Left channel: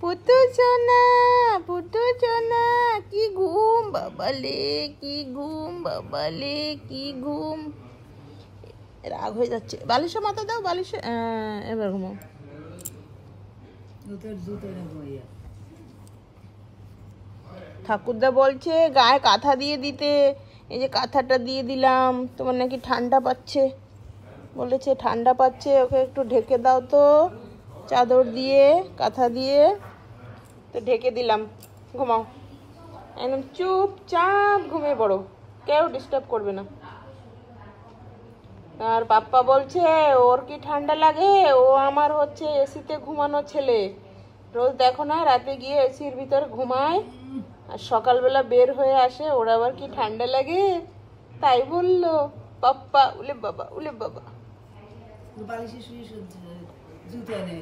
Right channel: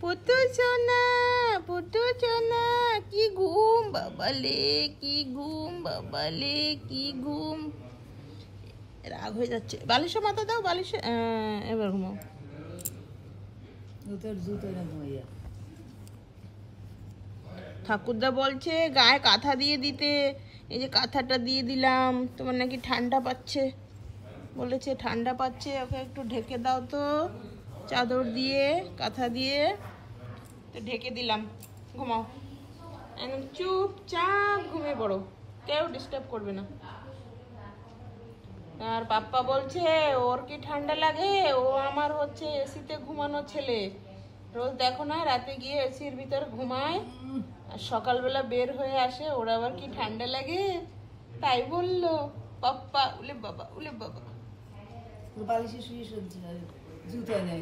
পুতু সোনা, পুতু সোনা, কি ঘুম বাবালে, কি ঘুম বাবালে, কি ঘুম। রাগ হয়ে যাচ্ছে। বালিশে মাথা দাও, বালিশে। এবার ঘুমাও। ঠাকুরদা বলছে গায়ে কাঁথা দিয়ে দিতে। এই যে কাঁথাটা দিয়ে দিলাম, তোমার নাকি ঠান্ডা পাচ্ছে বলেছে, ঠান্ডা পাচ্ছে, ওকে একটু ঢেকে দাও তো চাদর দিয়ে, কাঁথা দিয়ে। তো ঢেকে দিলাম, ঘুমাও একদম চুপচাপ ঘুমিয়ে পড়ো, কেউ ডিস্টার্ব করবে না। আর পাপ্পা বলছে ওর কি ঠান্ডা লাগে, ও আমার হচ্ছে এসিতে ঘুমানো ছেলে, রোজ দেখো না রাতে গিয়ে এসির ভিতর ঘুমায় আর সকালবেলা বের হয়ে আসে, ওর আবার কি ঠান্ডা লাগে তাই বললো পাপ্পা। উলে বাবা, উলে বাবা। বালিশে শুয়ে সহ্য হয়, জুতো এনে